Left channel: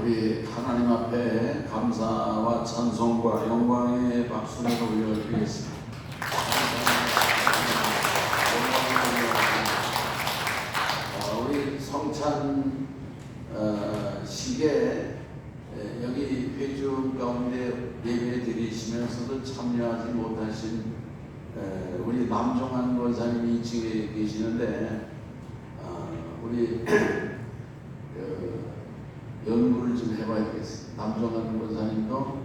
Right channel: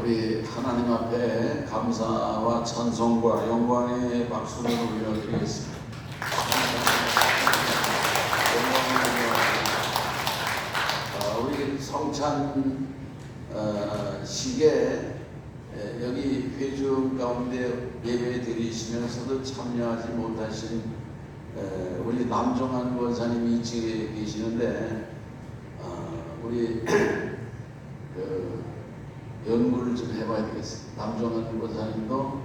우리 하나님 앞에 감사와 찬송과 영광의 박수를 올려드리겠습니다. 우리 성찬 시계 여기 회중 가운데 예배 드리시면서도 참여하지 못하신 우리 남종환 권사님이 지금 계시는데 우리 연구를 좀 해봐야 되겠습니다. 남종환 권사님도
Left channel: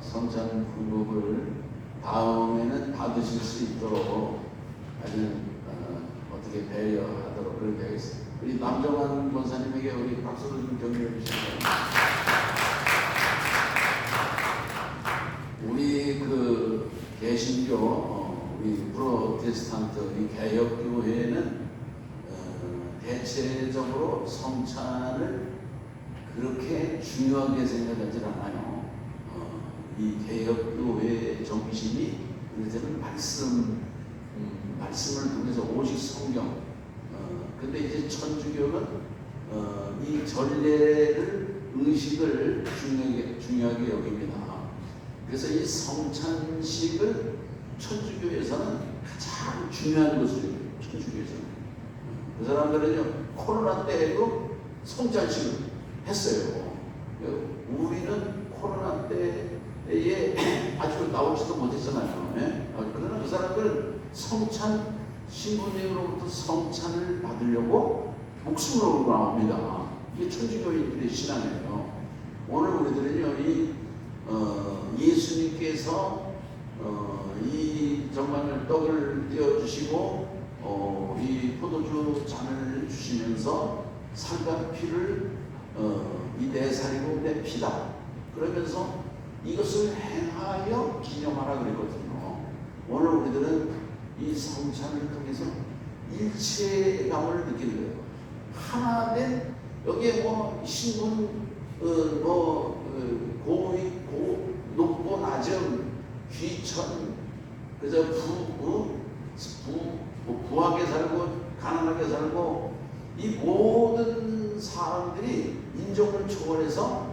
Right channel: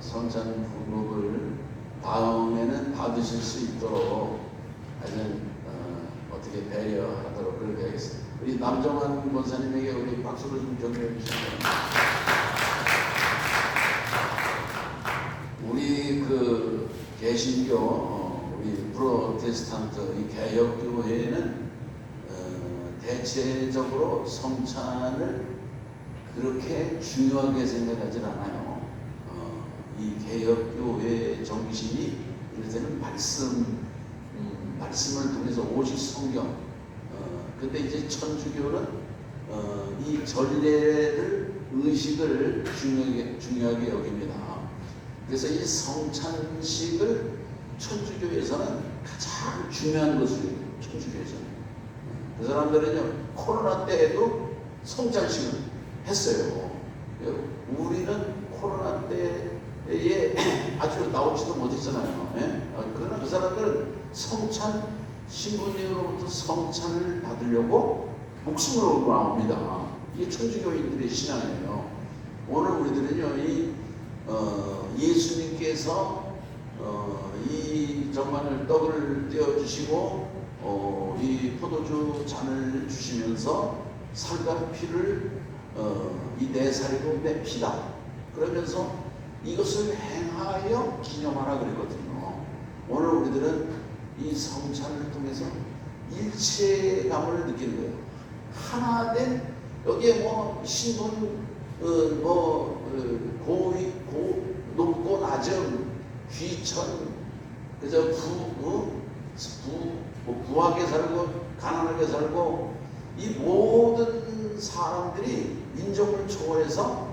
성찬 후복을 다음에는 받으실 수 있도록 하여튼 어떻게 배려하도록 그렇게 하겠습니다. 우리 남종환 권사님에게 우리 박수를 좀 격려해 주시면 우리 그 개신교 우리 프로테스탄트 이 개혁교회는 대체적으로 성찬을 그렇게 중요하게 생각하지 않아요. 이 개혁교회의 정신이 이제는 말씀을 통해서 오직 성경. 근데 이제 천주교는 이 전례를 의식을 중요하게 여깁니다. 그래서 이 성찬식을 천주교에서는 가장 중요한 것을 천주교에서는. 그 사람들은요 코로나 때에도 성찬식을 했어요. 우리는 코로나 때에 아주 나오지도 못했잖아요. 그러나 그 사람들은 성찬 신부님으로부터 성찬을 받으려고 목숨으로 나옵니다. 이게 천주교인들의 신앙이에요. 오늘 우리들은요 이 예수님께서 이 정말 떡을 떼어주시고 이 포도주 잔을 주시면서 살과 피를 이 내 살이고 내 피다 그러면서 이것을 행하여 기념하라 그러거든요. 오늘 우리들은 이 성찬을 통해서 일체감을 느끼는 거예요. 하나 된 여기에 뭐 신분 고위 높고 낮음 귀천 그래서 부하게 살고 가난하게 살고 이 모든 사람들이 인종을 초월해서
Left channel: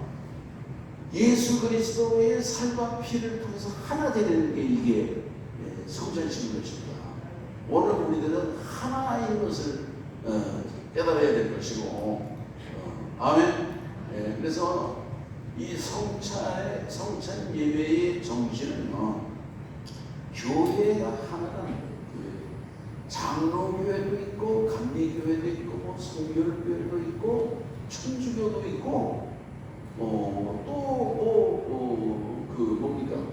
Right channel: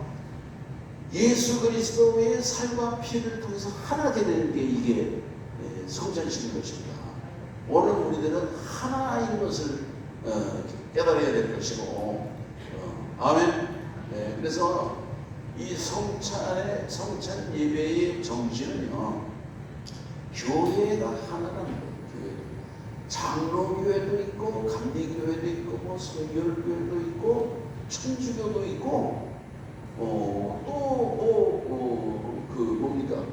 예수 그리스도의 살과 피를 통해서 하나 되는 게 이게 성찬식인 것입니다. 오늘 우리들은 하나인 것을 깨달아야 될 것이고 아멘. 그래서 이 성찬 예배의 정신은요 교회가 하나라는 거예요. 장로교회도 있고 감리교회도 있고 뭐 성결교회도 있고 천주교도 있고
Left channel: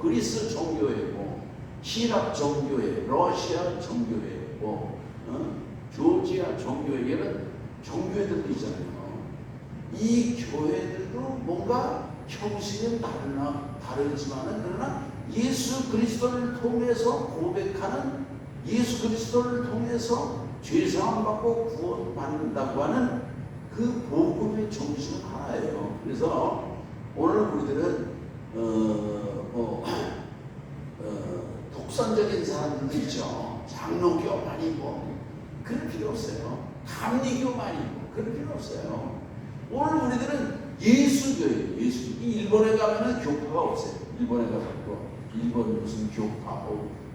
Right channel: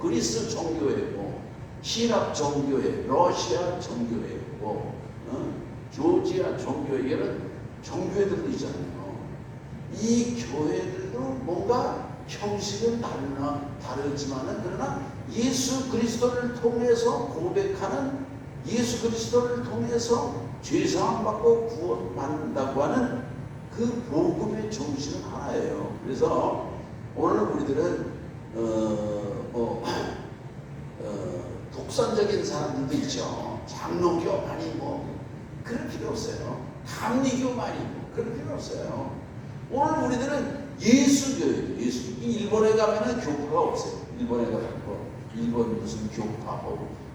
그리스 정교회고希腊 정교회, 러시아 정교회고 조지아 정교회 이런 정교회들도 있잖아요. 이 교회들도 뭔가 형식은 다르지만은 그러나 예수 그리스도를 통해서 고백하는 예수 그리스도를 통해서 죄사함 받고 구원받는다고 하는 그 복음의 정신은 하나예요. 그래서 오늘 우리들은 독선적인 사람들도 있죠. 장로교만이 뭐 그럴 필요 없어요. 감리교만이 뭐 그럴 필요 없어요. 오늘 우리들은 예수교회도 일본에 가면은 교파가 없어요. 일본에 가고 일본 무슨 교파,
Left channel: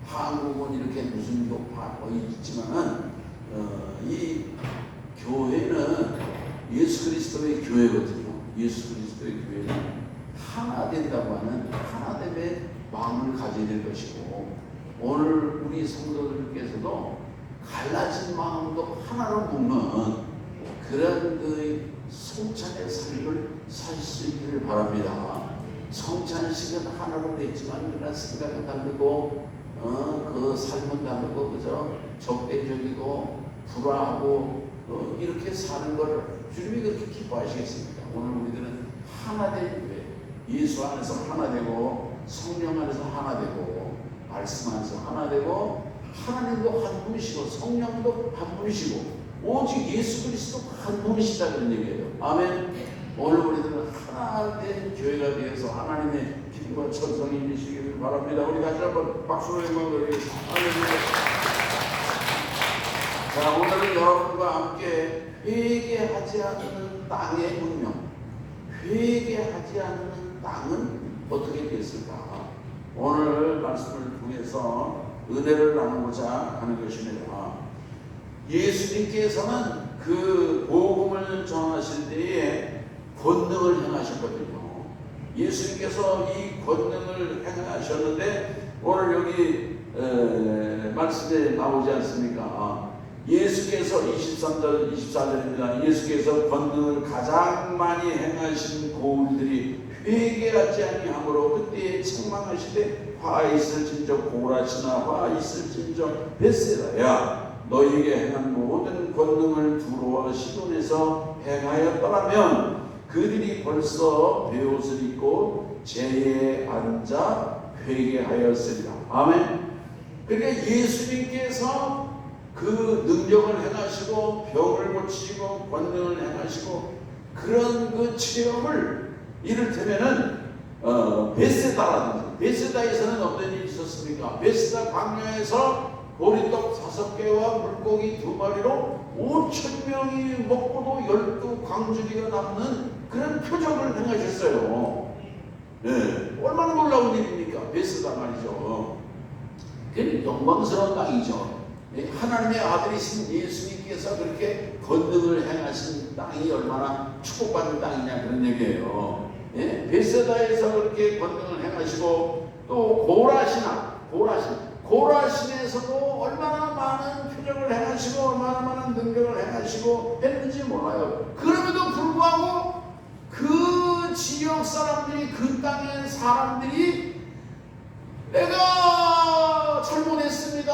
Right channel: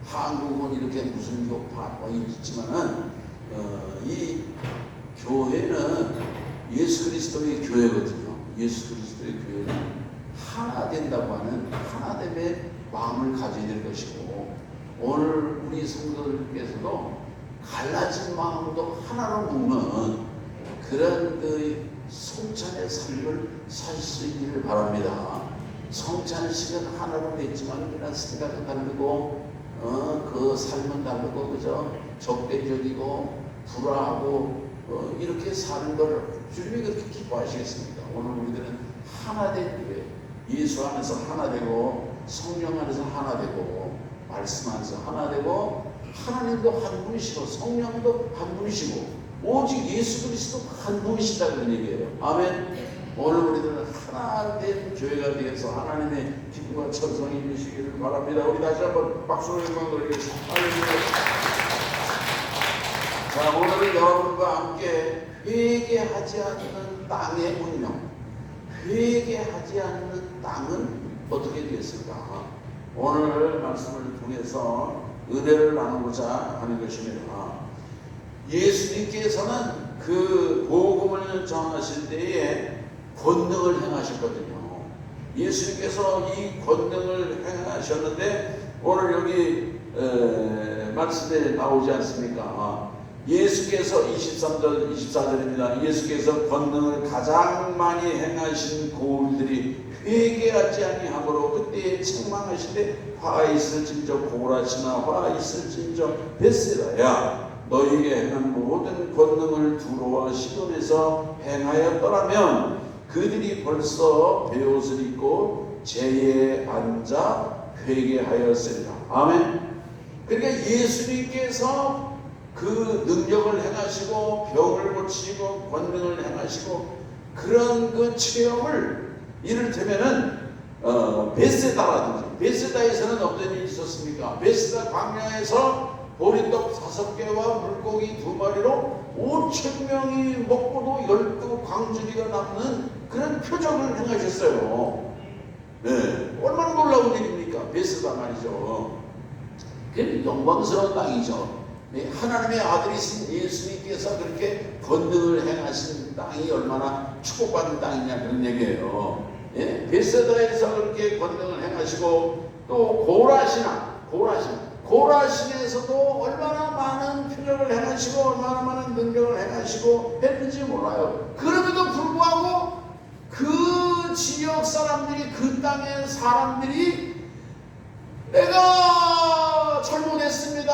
한국은 이렇게 무슨 교파 있지만은 이 교회는 예수 그리스도의 교회거든요. 예수 그리스도의 교회는 하나 된다고 하는 하나됨의 마음을 가져야 될 것이고 오늘 우리 성도들께서도 갈라진 마음도 하나로 묶는 그런 그 성찬의 삶을 살 수 있기를 바랍니다. 성찬식은 하나로 됐지만 그러나 생각은 다르고 그 삶은 다르고 그저 적대적이고 불화하고 이렇게 사는 걸 주님이 그렇게 기뻐하시겠습니까? 오늘 우리들은 하나 된 교회, 예수 안에서 하나 되고 성령 안에서 하나 되고 말씀 안에서 하나 되고 하나님도 한 분이시고 성령도 한 분이시고 오직 예수 그리스도 한 분이시다 그런 얘기예요. 아멘. 오늘 우리들은 하나 된 교회가 되어서 하나님의 기쁨과 천성이 임시기를 바랍니다. 우리 다시 한번 박수로 영광 돌리겠습니다. 자, 오늘은 여러분과 함께 회개하지 않는 땅의 운명, 회개하지 않는 땅은 어떻게 됐을까? 오늘 말씀을 통해서 은혜를 나누고자 하는 것입니다. 예수님께서는 그 복음을 전하실 때에 권능을 행하셨거든요. 예수님께서 이 권능을 행하셨는데 오늘 여기 말씀에 나오지 않습니까? 예수께서 23절 24절입니다. 예수께서 권능을 가장 많이 행하신 고울들이 회개하지 아니하므로 그때에 책망하시되 화 있을진저 고라시나 화 있을진저 벳세다야 너희에게 행한 모든 권능을 두로와 시돈에서 행하였더라면 그들이 벌써 베옷을 입고 제에 앉아 회개하였으리라. 아멘. 그러니까 예수님께서 그 능력을 행하시고 병을 고치시고 권능을 행하시고 그런 그 체험을 이를테면은 베세다라든지 베세다에서는 어떤 일이 있었습니까? 베세다 광야에서 보리떡 5개와 물고기 2마리로 5,000명이 먹고도 12광주리가 남는 그런 표적을 행하셨어요. 네, 얼마나 놀라운 일입니까? 베세다 말이죠. 그 영광스러운 땅이죠. 네, 하나님의 아들이신 예수님께서 그렇게 권능을 행하신 땅이 얼마나 축복받는 땅이냐 그런 얘기예요. 네, 베세다에서 그렇게 권능을 행하시고 또 고라신에서도 얼마나 많은 표적을 행하시고 얼마나 많은 능력을 행하시고 했는지 몰라요. 그럼에도 불구하고 그 지역 사람들이 그 땅의 사람들이 내가 잘못했습니다.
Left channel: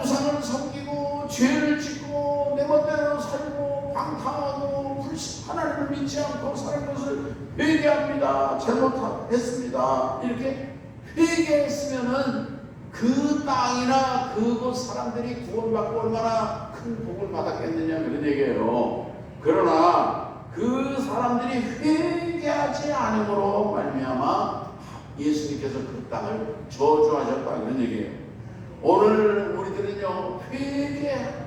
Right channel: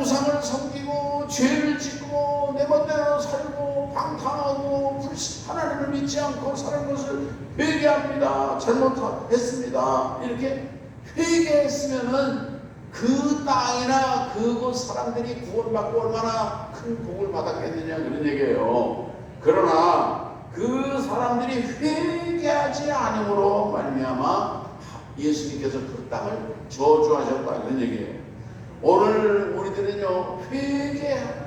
우상을 섬기고 죄를 짓고 내 멋대로 살고 방탕하고 하나님을 믿지 않고 사는 것을 회개합니다. 잘못했습니다. 이렇게 회개했으면은 그 땅이나 그곳 사람들이 구원받고 얼마나 큰 복을 받았겠느냐 그런 얘기예요. 그러나 그 사람들이 회개하지 않음으로 말미암아 예수님께서 그 땅을 저주하셨다 그런 얘기예요. 오늘 우리들은요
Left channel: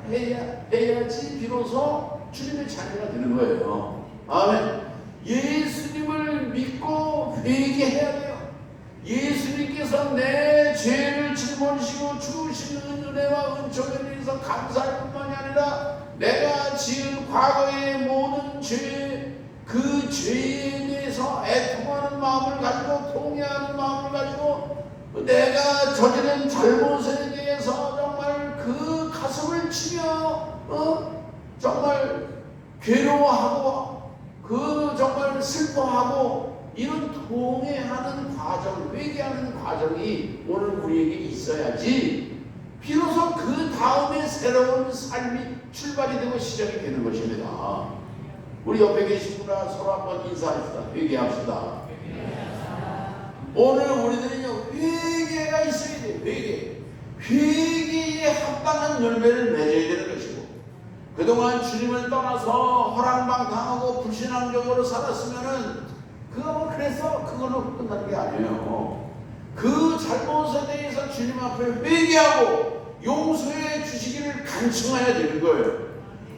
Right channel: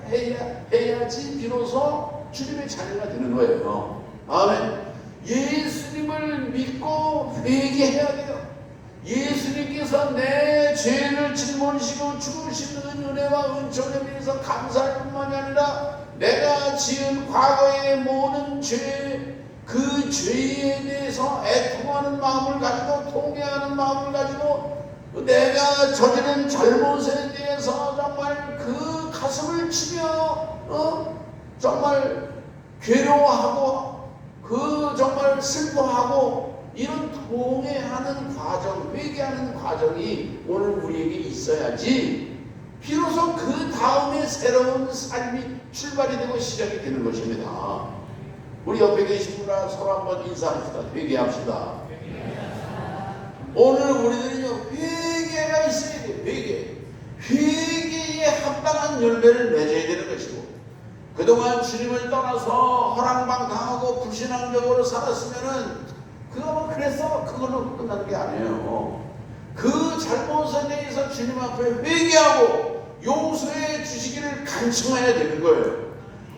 회개해야지 비로소 주님의 자녀가 되는 거예요. 아멘. 예수님을 믿고 회개해야 돼요. 예수님께서 내 죄를 짊어지시고 죽으신 은혜와 은총에 대해서 감사할 뿐만이 아니라 내가 지은 과거의 모든 죄, 그 죄에 대해서 애통하는 마음을 가지고 통회하는 마음을 가지고 내가 저지른 잘못에 대해서 정말 그 가슴을 치며 정말 괴로워하고 그 정말 슬퍼하고 이런 통회하는 과정, 회개하는 과정이 오늘 우리에게 있어야지 비로소 그 다음에 새로운 삶이 출발이 되고 시작이 되는 것입니다. 우리 옆에 계신 분과 서로 한번 인사합시다. 회개합시다. 오늘 우리들은요 회개가 있어야 돼요. 회개에 합당한 열매를 맺어야 되는 것이고 그동안 주님을 떠나서 허랑방탕하고 불신앙적으로 살았으면은 그래서 그거는 끝나는 게 아니에요. 그 잘못에 대해서 주님 앞에 회개하고 용서해 주시기를 간청해야 되는 거예요.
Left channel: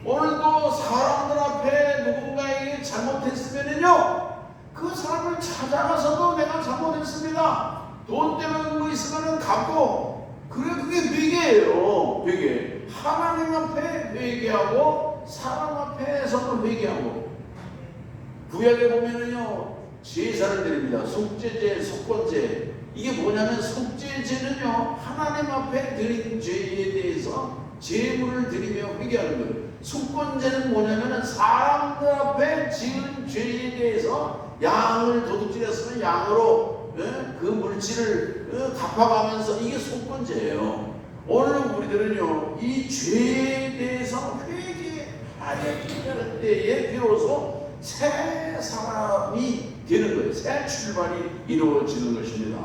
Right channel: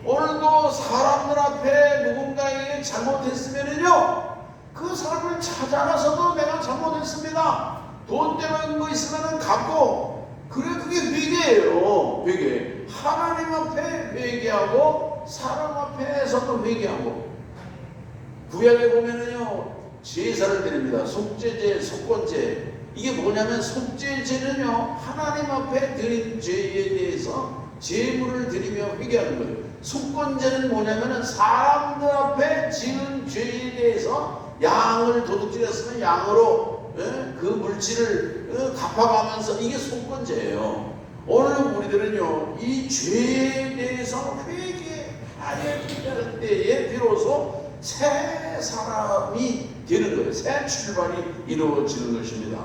오늘도 사람들 앞에 누군가에게 잘못했으면요 그 사람을 찾아가서도 내가 잘못했습니다. 돈 때문에 뭐 있으면 갚고 그게 회개예요. 회개. 하나님 앞에 회개하고 사람 앞에서도 회개하고 구약에 보면은요 제사를 드립니다. 속죄제, 속건제. 이게 뭐냐면 속죄제는요 하나님 앞에 드린 죄에 대해서 제물을 드리며 회개하는 거예요. 속건제는 뭐냐면은 사람들 앞에 지은 죄에 대해서 양을 도둑질했으면 양으로 그 물질을 갚아가면서 이게 속건제예요. 오늘 우리들은요 이 죄에 대해서 회개하는 때에 비로소 새 사람이 되는 거예요. 새 출발이 이루어지는 것입니다.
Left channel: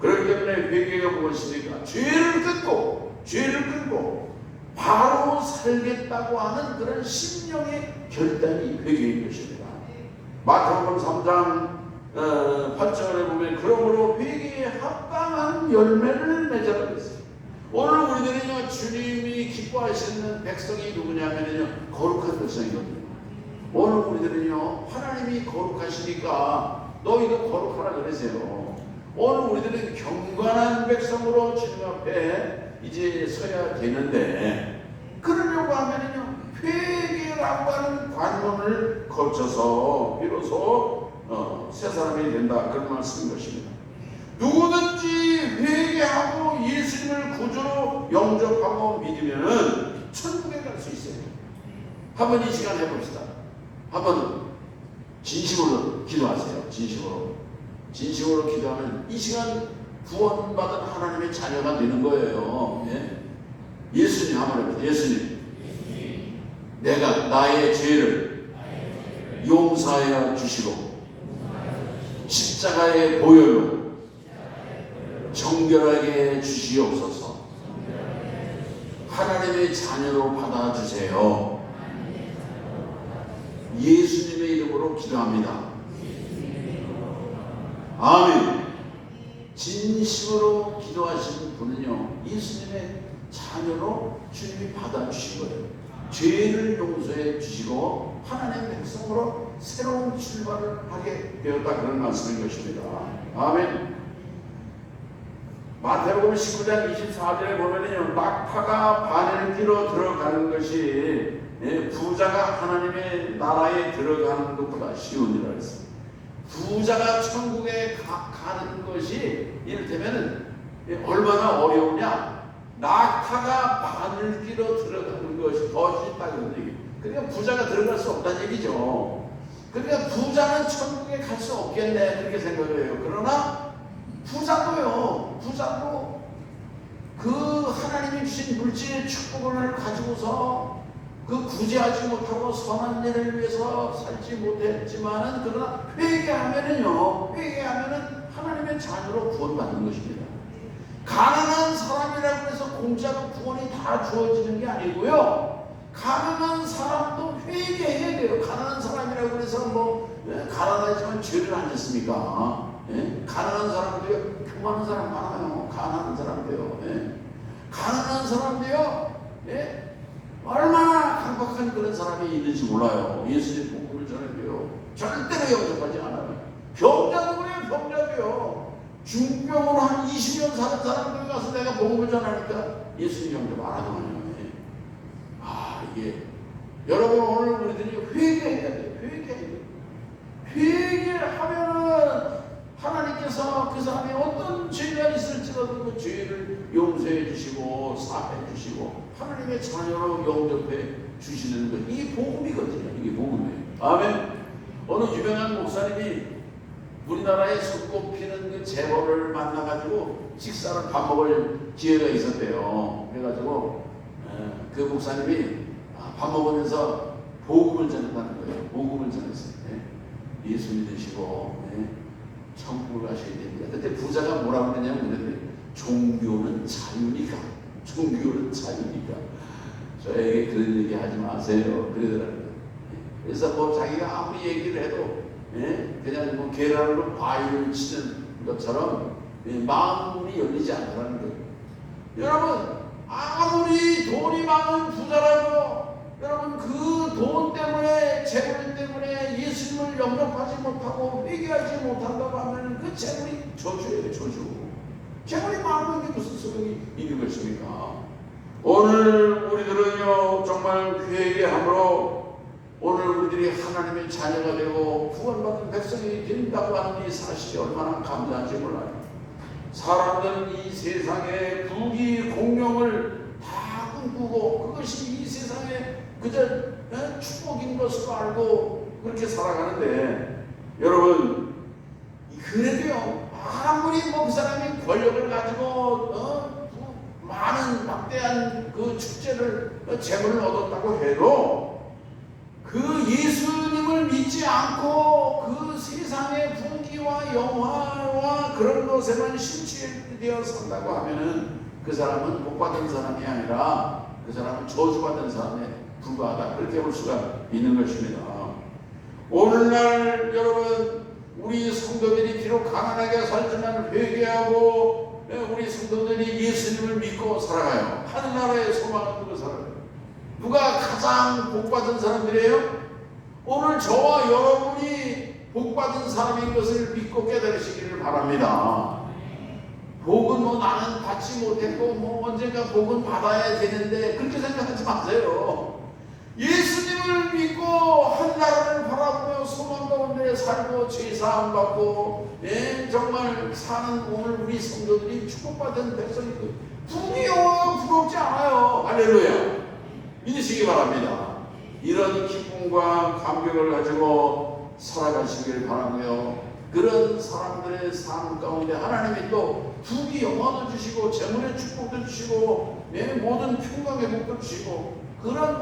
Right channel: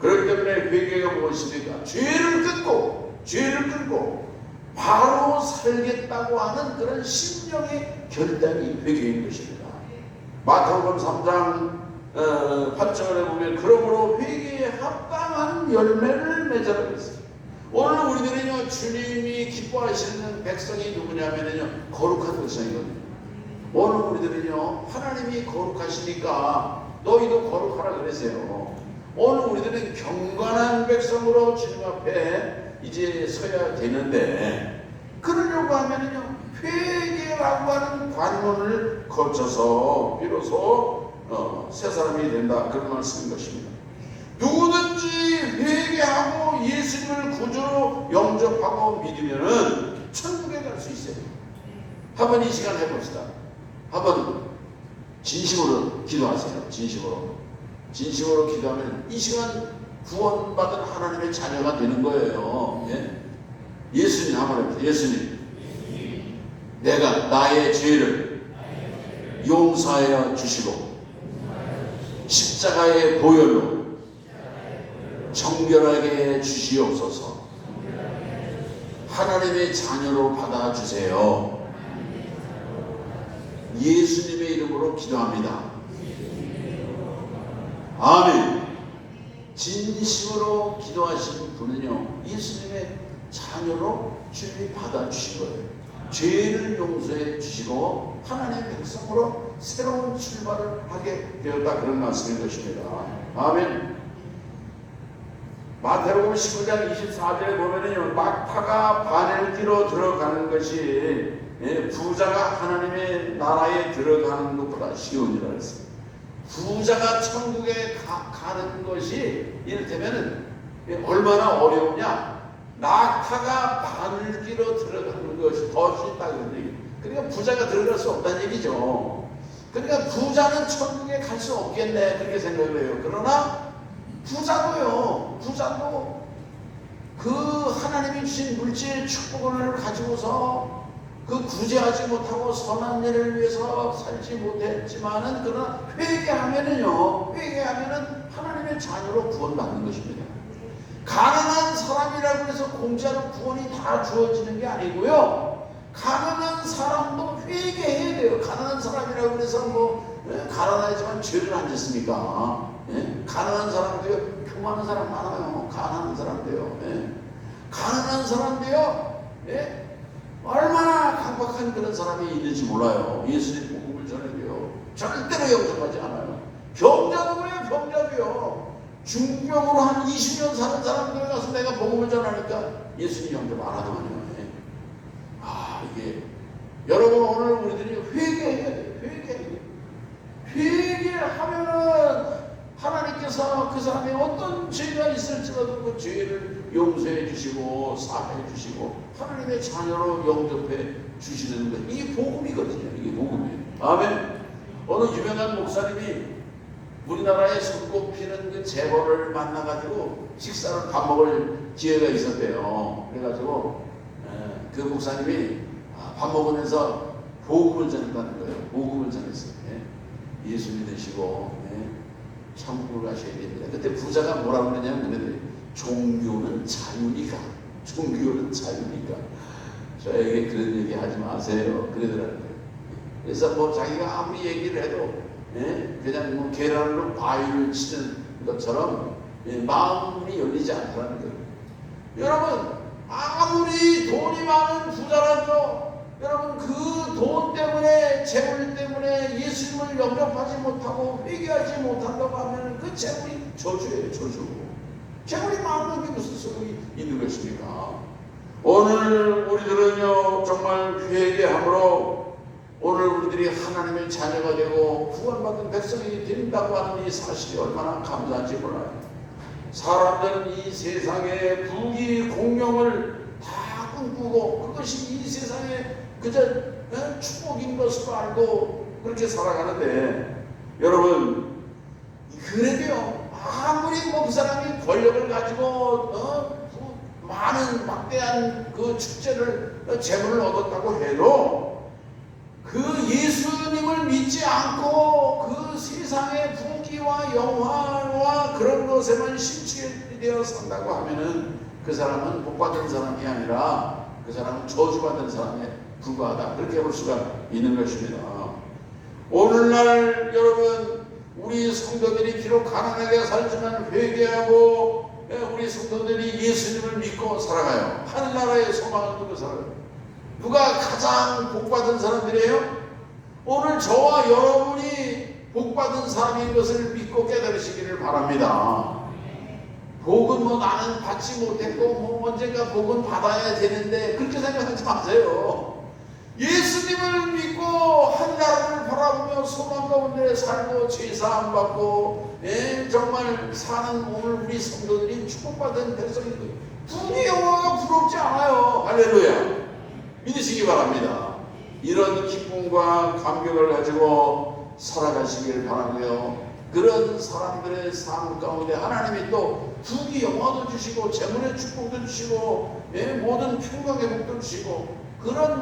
그렇기 때문에 회개가 무엇입니까? 죄를 끊고 바로 살겠다고 하는 그런 심령의 결단이 회개인 것입니다. 마태복음 3장 8절에 보면 그러므로 회개에 합당한 열매를 맺으라 그랬어요. 오늘 우리들은요 주님이 기뻐하시는 백성이 누구냐면요 거룩한 백성이거든요. 오늘 우리들은요, 하나님이 거룩하시니까 너희도 거룩하라 그러세요. 오늘 우리들은 경건한 백성으로 주님 앞에 이제 서야 되는데, 그러려고 하면은요, 회개라고 하는 관문을 거쳐서 비로소 새 사람이 된다, 그런 말씀인 것입니다. 누구든지 회개하고 예수님을 구주로 영접하고 믿으면은 천국에 갈 수 있어요. 한번 이 시간 해봅시다. 한번 진심으로 기도하세요. 진심으로 기도하면 이 시간 구원받은 하나님의 자녀가 되는 거예요. 예? 예수님 한번 해보세요. 예수님, 내가 나의 죄를 용서하여 주시고 십자가의 보혈로 정결하게 주시옵소서. 하나님의 자녀로 받아주세요. 예수님의 이름으로 기도합니다. 아멘. 진심으로 기도하시는 분은요, 예수님의 자녀로 주님이 받아주신 거예요. 죄를 용서해 주시고 하나님의 백성으로 새로운 출발을 하게 되었다, 그런 말씀인 것입니다. 아멘. 마태복음 19장 24절에 보면은요, 낙타가 바늘 끼러 들어가는 것이 부자가 하나님의 나라에 들어가는 것보다 쉬우니라 했습니다. 부자가 천국에 가는 것이 이를테면 얼마나 어려우냐, 낙타가 바늘 끼러 들어가는 것이 더 쉽다, 그런 얘기. 그러니까 부자가 들어갈 수 없다는 얘기죠. 그러니까 부자는 천국에 갈 수 없겠네, 그렇게 생각을 해요. 그러나 부자도 그 하나님이 주신 물질 축복을 가지고서 그 구제하지 못하고 선한 일을 위해서 살지 못했지만은, 그러나 회개하면은 하나님의 자녀로 구원받는 것입니다. 가난한 사람이라고 해서 공짜로 구원이 다 주어지는 게 아니고요, 가난한 사람도 회개해야 돼요. 가난한 사람이라고 해서 가난하지만 죄를 안 짓습니까? 가난한 사람도요, 교만한 사람 많아요. 가난한 사람도요, 가난한 사람도요, 얼마나 강박한 그런 사람이 있는지 몰라요. 예수님 복음을 전해도요, 절대로 영접하지 않아요. 병자도 그래요. 병자도요, 중병으로 한 20년 사는 사람들 가서 내가 복음을 전하니까 예수님 영접 안 하더군요. 이게 여러분, 오늘 우리들이 회개해야 돼요. 회개를 하면은 하나님께서 그 사람이 어떤 죄가 있을지라도 그 죄를 용서해 주시고 사해 주시고 하나님의 자녀로 영접해 주시는 것, 이게 복음이거든요. 이게 복음이에요. 아멘. 어느 유명한 목사님이 우리나라에 손꼽히는 그 재벌을 만나가지고 식사를 밥 먹을 기회가 있었대요. 그래가지고 그 목사님이 밥 먹으면서 복음을 전한다는 거예요. 복음을 전했어요. 예수 믿으시고 천국을 가셔야 됩니다. 그때 부자가 뭐라고 그러냐면, 종교는 자유니까. 저에게 그런 얘기 하지 마세요, 그러더라고요. 그래서 자기가 아무리 얘기를 해도 그냥 계란으로 바위를 치는 것처럼 마음이 열리지 않더라는 거예요. 여러분, 아무리 돈이 많은 부자라도 여러분, 그 돈 때문에, 재물 때문에 예수님을 영접하지 못하고 회개하지 못한다고 하면 그 재물이 저주예요, 저주. 재물이 많은 게 무슨 소용이 있는 것입니까? 오늘 우리들은요, 정말 회개함으로 오늘 우리들이 하나님의 자녀가 되고 구원받은 백성이 된다고 하는 이 사실이 얼마나 감사한지 몰라요. 사람들은 이 세상의 부귀 공명을 다 꿈꾸고 그것이 이 세상에 그저 축복인 것으로 알고 그렇게 살아가는데, 여러분, 그래도요, 아무리 그 사람이 권력을 가지고 많은 막대한 그 축제를 재물을 얻었다고 해도 그 예수님을 믿지 않고 그 세상의 풍기와 영화와 그런 것에만 심취되어 산다고 하면은 그 사람은 복받은 사람이 아니라 그 사람은 저주받은 사람에 불과하다, 그렇게 볼 수가 있는 것입니다. 오늘날 여러분, 우리 성도들이 비록 가난하게 살지만 회개하고 우리 성도들이 예수님을 믿고 살아가요. 하늘나라의 소망을 두고 살아가요. 누가 가장 복받은 사람들이에요? 오늘 저와 여러분이 복받은 사람인 것을 믿고 깨달으시기를 바랍니다. 복은 뭐 나는 받지 못했고 뭐 언젠가 복은 받아야 되는데 그렇게 생각하지 마세요. 예수님을 믿고 하늘나라를 바라보며 소망 가운데 살고 죄사함 받고 정말 사는 오늘 우리 성도들이 축복받은 백성이고 부귀 영화가 부럽지 않아요. 할렐루야. 믿으시기 바랍니다. 이런 기쁨과 감격을 가지고 살아가시길 바라고요. 그런 사람들의 삶 가운데 하나님이 또 부귀 영화도 주시고 재물의 축복도 주시고 모든 평강 회복도 주시고 그런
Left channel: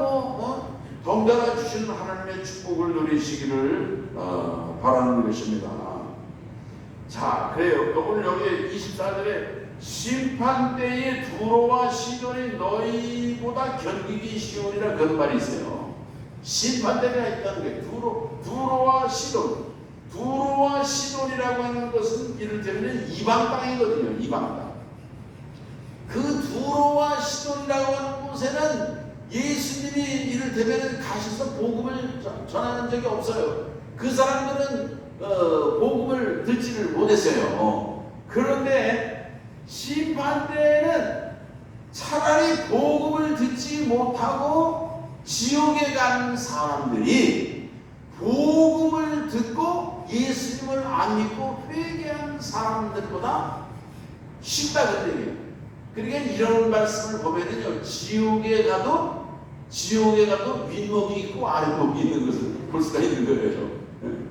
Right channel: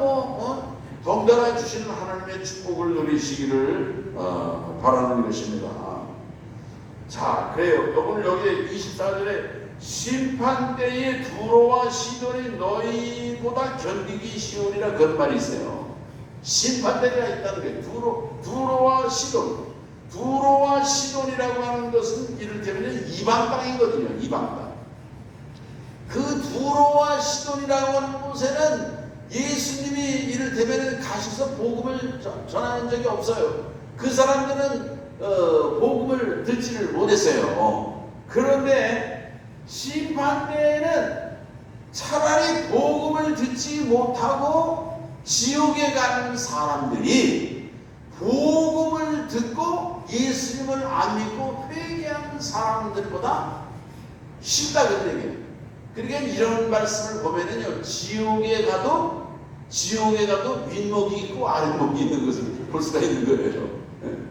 덩달아 주시는 하나님의 축복을 누리시기를 바라는 것입니다. 자, 그래요. 오늘 여기 24절에 심판 때에 두로와 시돈이 너희보다 견디기 쉬우니라 그런 말이 있어요. 심판 때가 있다는 게 두로와 시돈. 두로와 시돈이라고 하는 것은 이를테면 이방 땅이거든요. 이방 땅. 그 두로와 시돈이라고 하는 곳에는 예수님이 이를테면 가셔서 복음을 전하는 적이 없어요. 그 사람들은 복음을 듣지를 못했어요. 그런데 심판 때에는 차라리 복음을 듣지 못하고 지옥에 가는 사람들이 복음을 듣고 예수님을 안 믿고 회개하는 사람들보다 쉽다 그런 얘기예요. 그러니까 이런 말씀을 보면은요, 지옥에 가도 윗목이 있고 아랫목이 있는 것을 볼 수가 있는 거예요.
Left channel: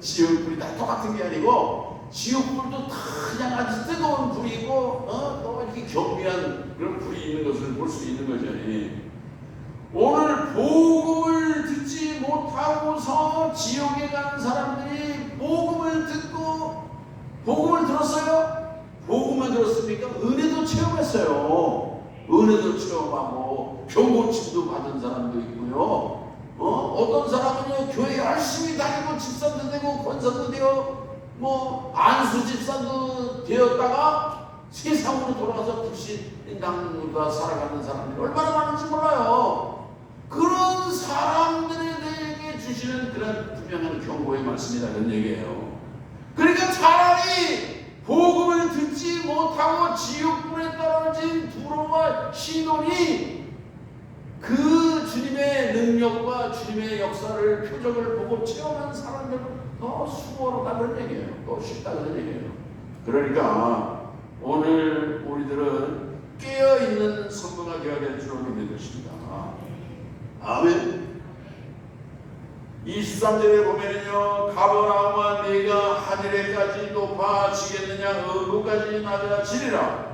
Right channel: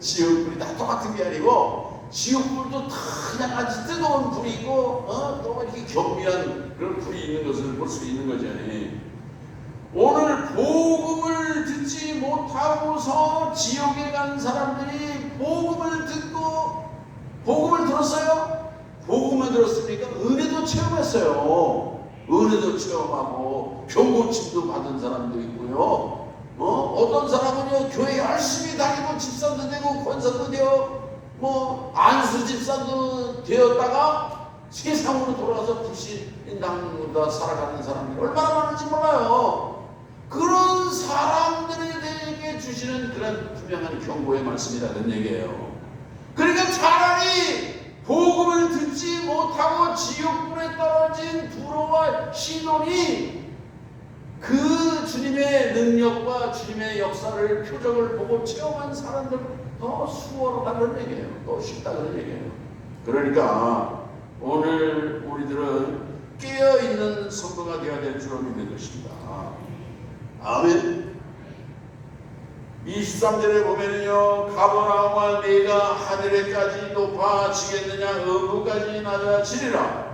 지옥불이 다 똑같은 게 아니고 지옥불도 다 그냥 아주 뜨거운 불이 있고 또 이렇게 겸비한 그런 불이 있는 것을 볼 수 있는 거죠. 오늘 복음을 듣지 못하고서 지옥에 가는 사람들이 복음을 듣고 복음을 들었어요? 복음을 들었습니까? 은혜도 체험했어요. 은혜도 체험하고 병고침도 받은 사람도 있고요. 어떤 사람은요 교회 열심히 다니고 집사도 되고 권사도 되어 안수 집사도 되었다가 세상으로 돌아와서 불신당으로 살아가는 사람들이 얼마나 많은지 몰라요. 그런 사람들에게 주시는 그런 분명한 경고의 말씀이라는 얘기예요. 그러니까 차라리 복음을 듣지 못하고 지옥불에 떨어진 두로와 시돈이 그 주님의 능력과 주님의 역사를 표적을 보고 체험한 사람들 더 수월하다는 얘기예요. 더 쉽다는 얘기예요. 그러니까 오늘 우리들은 깨어있는 성도가 되어야 될 줄로 믿는 것입니다. 아멘. 23절에 보면은요, 가버나움아 네가 하늘에까지 높아지겠느냐 음부까지 낮아지리라.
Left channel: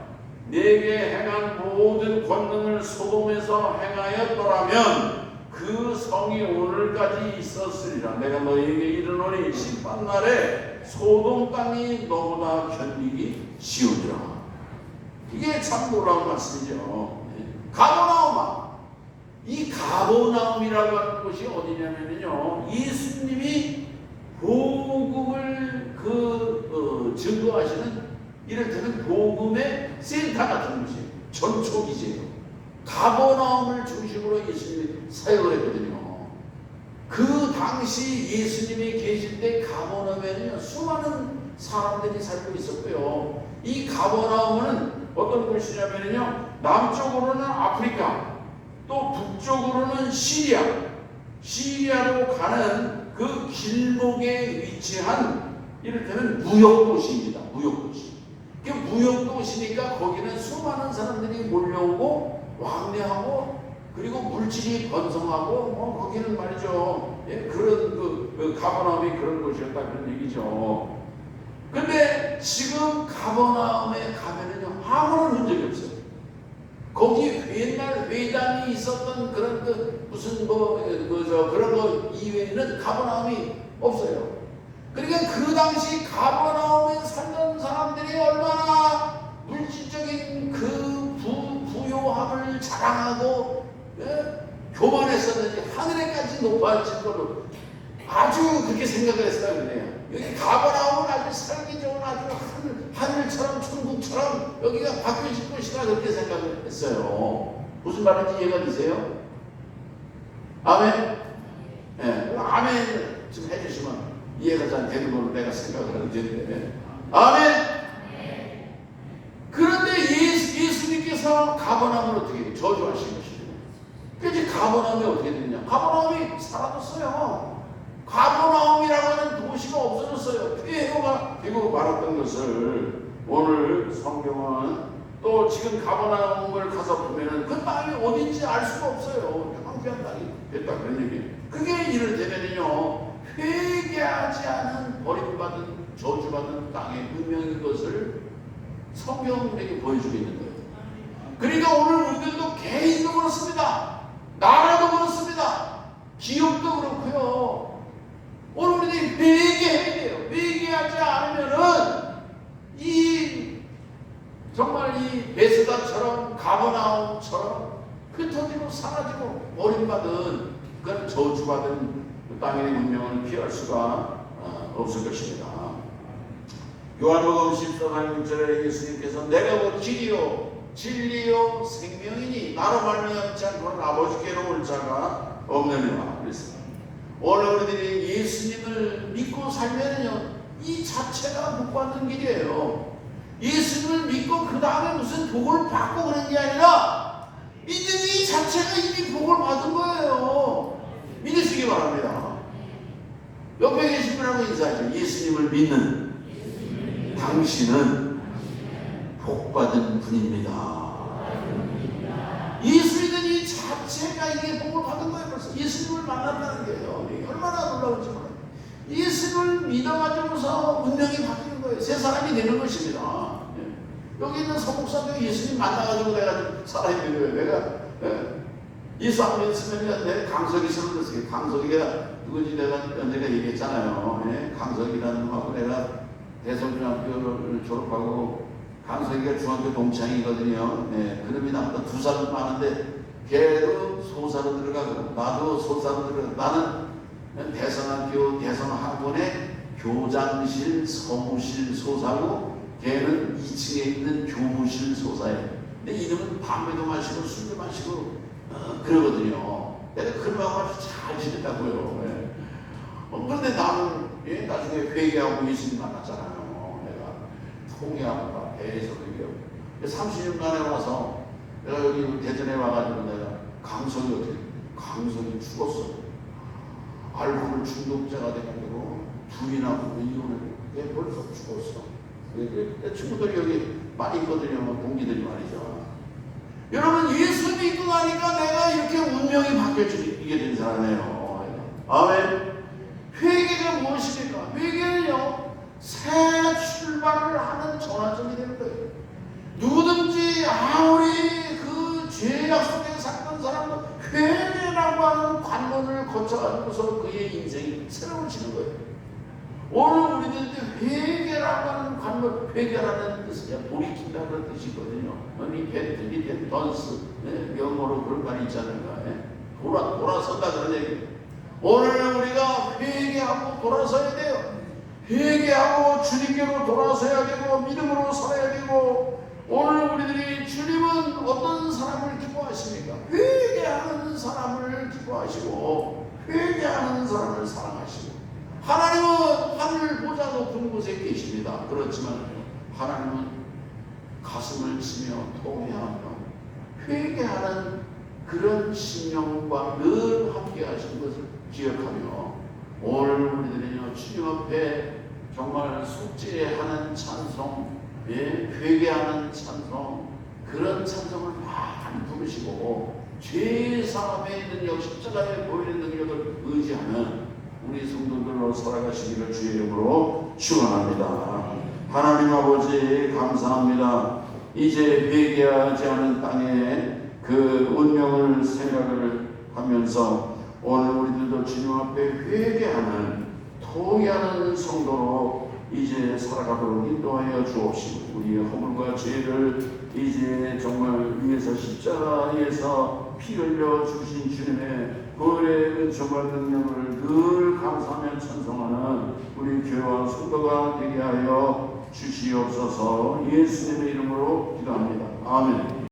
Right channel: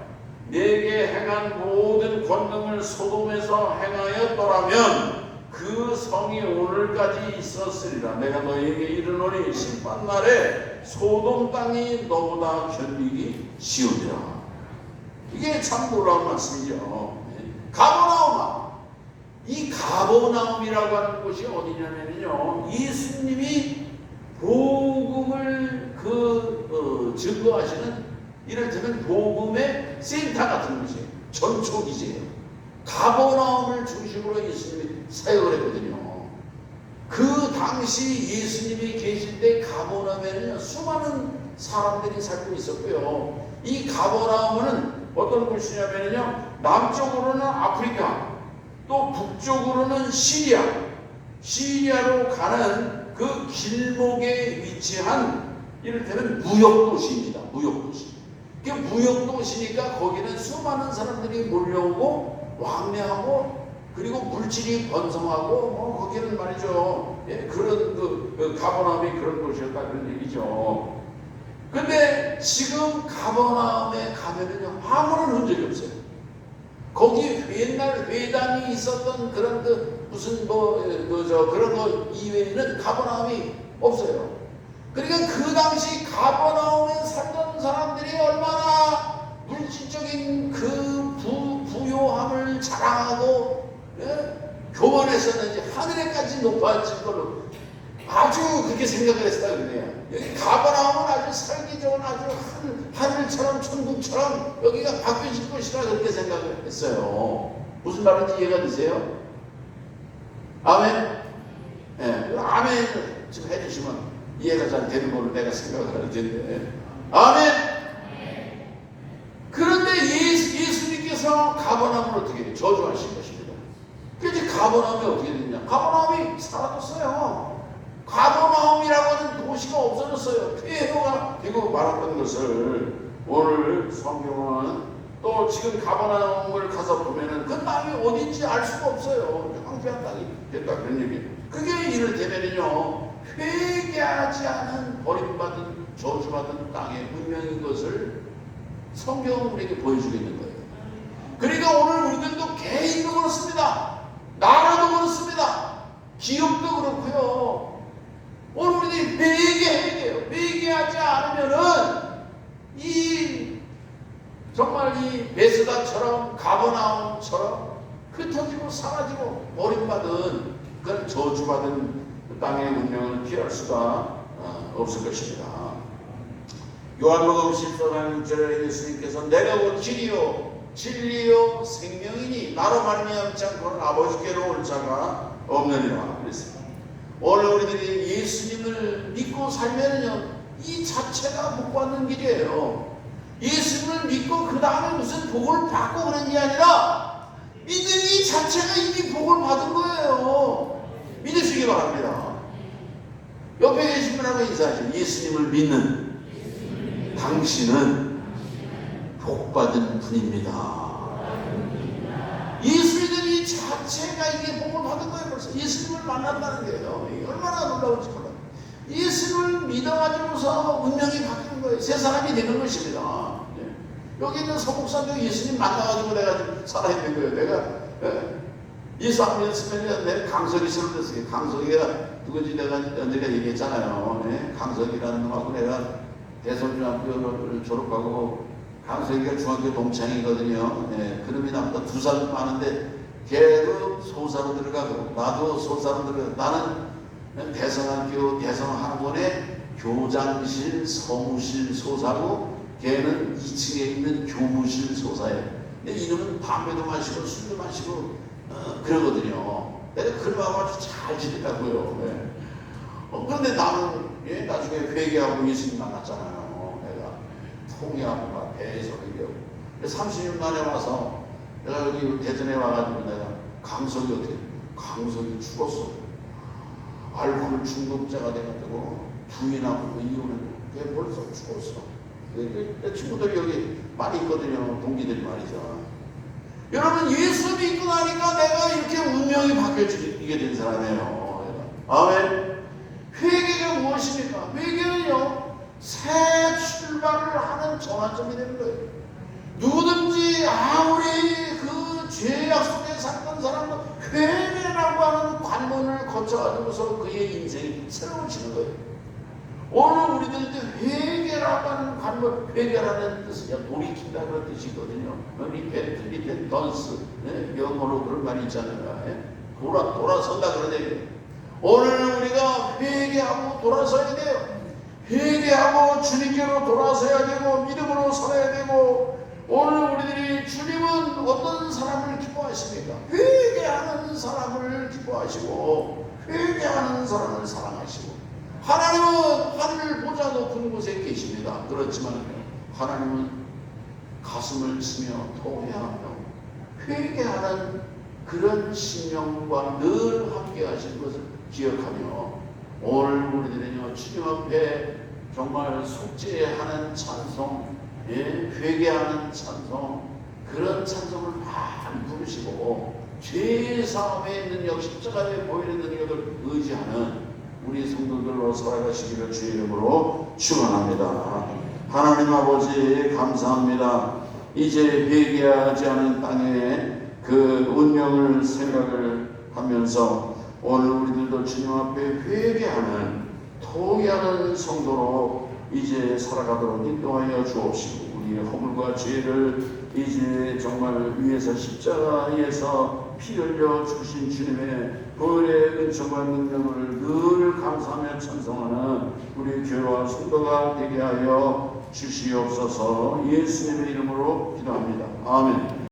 네게 행한 모든 권능을 소돔에서 행하였더라면 그 성이 오늘까지 있었으리라. 내가 너희에게 이르노니 심판날에 소돔 땅이 너보다 견디기 쉬우리라. 이게 참 놀라운 말씀이죠. 가버나움아, 이 가버나움이라고 하는 곳이 어디냐면요, 예수님이 복음을 증거하시는 이를테면 복음의 센터 같은 곳이에요. 전초기지예요. 가버나움을 중심으로 예수님이 사역을 했거든요. 그 당시 예수님이 계실 때 가버나움에는 수많은 사람들이 살고 있었고요. 이 가버나움은 어떤 곳이냐면요, 남쪽으로는 아프리카, 또 북쪽으로는 시리아로 가는 그 길목에 위치한 이를테면 무역도시입니다. 무역도시. 그 무역도시니까 거기는 수많은 사람들이 몰려오고 왕래하고 그리고 물질이 번성하고 거기는 말이죠. 그런 그 가버나움이 그런 곳이었다 그런 얘기죠. 근데 지금 가버나움에 가면은요, 아무런 흔적이 없어요. 거기 옛날 회당이 있었던 그런 무슨 그런 거 이외에는 가버나움이 없어요. 그러니까 그 당시 가버나움에 살던 사람들이 얼마나 물질적인 그 부요함을 자랑하고 교만했었는지 하늘에까지 높아질 걸로 아주 그렇게 생각을 했다 그러네요. 여기 가버나움은 아주 살기 좋은 아주 하늘처럼 천국처럼 여기가 바뀌어질 것이라 그렇게 생각을 했어요. 무슨 말인지 이해가 되세요? 아멘? 네, 아멘. 좀 해주시면 이해가 잘 되는 걸로 내가 생각을 할 텐데. 아멘. 그런데 예수님께서 가버나움을 어떻게 해요? 저주하신 것입니다. 그래서 가버나움이 어떻게 됐냐? 가버나움이 사라졌어요. 가버나움이라고 하는 도시가 없어졌어요. 폐허가 되고 말았던 것을 오늘 성경은 또 지금 가버나움을 가서 보면은 그 땅이 어딘지 알 수가 없어요. 황폐한 땅이 됐다 그런 얘기. 그게 이를테면요, 회개하지 않은 버림받은 저주받은 땅의 운명인 것을 성경은 우리에게 보여주고 있는 거예요. 그러니까 오늘 우리들도 개인도 그렇습니다. 나라도 그렇습니다. 기업도 그렇고요. 오늘 우리들이 회개해야 돼요. 회개하지 않으면은 정말 이 베스다처럼 가버나움처럼 흩어지고 사라지고 버림받은 그런 저주받은 그 땅의 운명을 피할 수가 없을 것입니다. 요한복음 10장 6절에 예수님께서 내가 곧 길이요 진리요 생명이니 나로 말미암지 않고는 아버지께로 올 자가 없느니라 그랬습니다. 오늘 우리들이 예수님을 믿고 살면은요, 이 자체가 복 받는 길이에요. 예수님을 믿고 그 다음에 무슨 복을 받고 그런 게 아니라 믿는 이 자체가 이미 복을 받은 거예요. 믿으시기 바랍니다. 옆에 계신 분하고 인사하시죠. 예수님을 믿는 당신은 복받은 분입니다. 예수 믿는 이 자체가 이게 복을 받은 거예요. 그래서 예수님을 만난다는 거예요. 얼마나 놀라운지 몰라요. 예수님을 믿어가지고서 운명이 바뀌는 거예요. 새 사람이 되는 것입니다. 여기 있는 서목사도 예수님 만나가지고 내가 살아있는 거예요. 내가 예수 안 믿었으면 내가 강석이 설득했어요. 강석이가 누군지 내가 얘기했잖아요. 강석이라는 놈하고 내가 대성중학교를 졸업하고 강석이가 중학교 동창이거든요. 그놈이 나보다 2살 많은데 걔도 소사로 들어가고 나도 소사로 들어가고 나는 대선학교 대선학원의 교장실 서무실 소사고 걔는 2층에 있는 교무실 소사예요. 근데 이놈은 담배도 마시고 술도 마시고 그러거든요. 내가 그 마음 아주 잘 지냈다고요. 그런데 나는 나중에 회개하고 예수님 만났잖아요. 내가 통계하느라 배에서 그겨 30년 만에 와서 내가 여기 대전에 와가지고 내가 강석이 죽었어. 알코올 중독자가 돼가지고 부인하고 이혼을 얘 벌써 죽었어. 내 친구들이 여기 많이 있거든요. 동기들이 말이죠. 여러분 예수 믿고 나니까 내가 이렇게 운명이 바뀌어지게 된 사람이에요. 아멘. 회개가 무엇입니까? 회개는요, 새 출발을 하는 전환점이 되는 거예요. 누구든지 아무리 그 죄악 속에 살던 사람은 회개라고 하는 관문을 거쳐가지고서 그의 인생이 새로워지는 거예요. 오늘 우리들한테 회개라고 하는 관문, 회개라는 뜻은 돌이킨다는 그런 뜻이거든요. 리펜트, 던스, 영어로 그런 말이 있잖아요. 돌아선다 그런 얘기예요. 오늘 우리가 회개하고 돌아서야 돼요. 회개하고 주님께로 돌아서야 되고 믿음으로 서야 되고, 오늘 우리들이 주님은 어떤 사람을 기뻐하십니까? 회개하는 사람을 기뻐하시고 회개하는 사람을 사랑하시고, 하나님은 하늘 보좌 높은 곳에 계십니다. 그렇지만 하나님은 가슴을 치며 토해하며 회개하는 그런 심령과 늘 함께 하시는 것을 기억하며, 오늘 우리들은요, 주님 앞에 정말 속죄하는 찬송, 회개하는 찬송, 그런 찬송을 많이 부르시고 죄 사함의 능력, 십자가에 보이는 능력을 의지하는 우리 성도들로 살아가시기를 주의 이름으로 축원합니다. 하나님 아버지 감사합니다. 이제 회개하지 않은 땅에 그 운명을 생각을 하면서 오늘 우리들도 주님 앞에 회개하는 토의하는 성도로 이제 살아가도록 인도하여 주옵시고, 우리의 허물과 죄를 이제 정말 위에서 십자가에서 피 흘려 주신 주님의 보혈의 은총과 능력을 늘 감사하며 찬송하는 우리 교회와 성도가 되게 하여 주시옵소서. 예수님의 이름으로 기도합니다. 아멘.